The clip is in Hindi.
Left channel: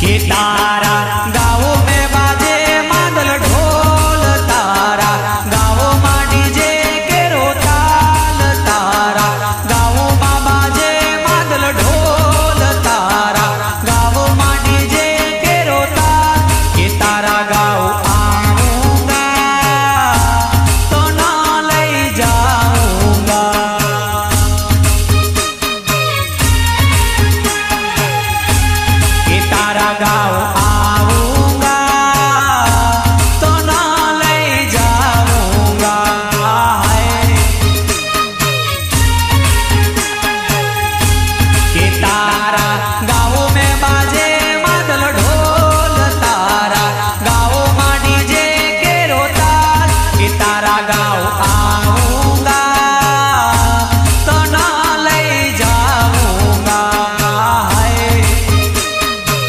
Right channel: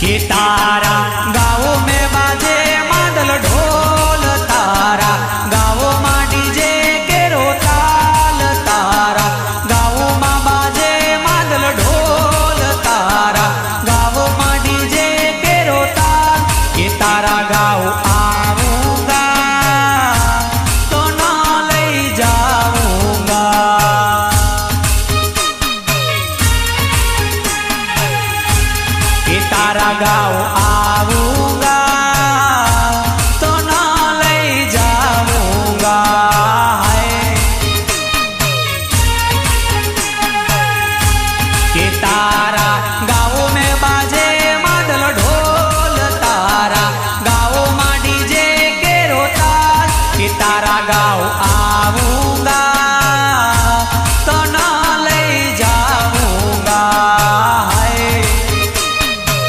कि तारा गाँव में बाजे मादल ढोल, तारा गाँव में डीजे केरो ताल, तारा गाँव में बाजे मादल ढोल, तारा गाँव में डीजे केरो ताल। कि तारा गाँव आऊंगा तो ना ले जाऊंगा, कि तारा गाँव आऊंगा तो ना ले जाऊंगा। कि तारा गाँव में बाजे मादल ढोल, तारा गाँव में डीजे केरो ताल, कि तारा गाँव आऊंगा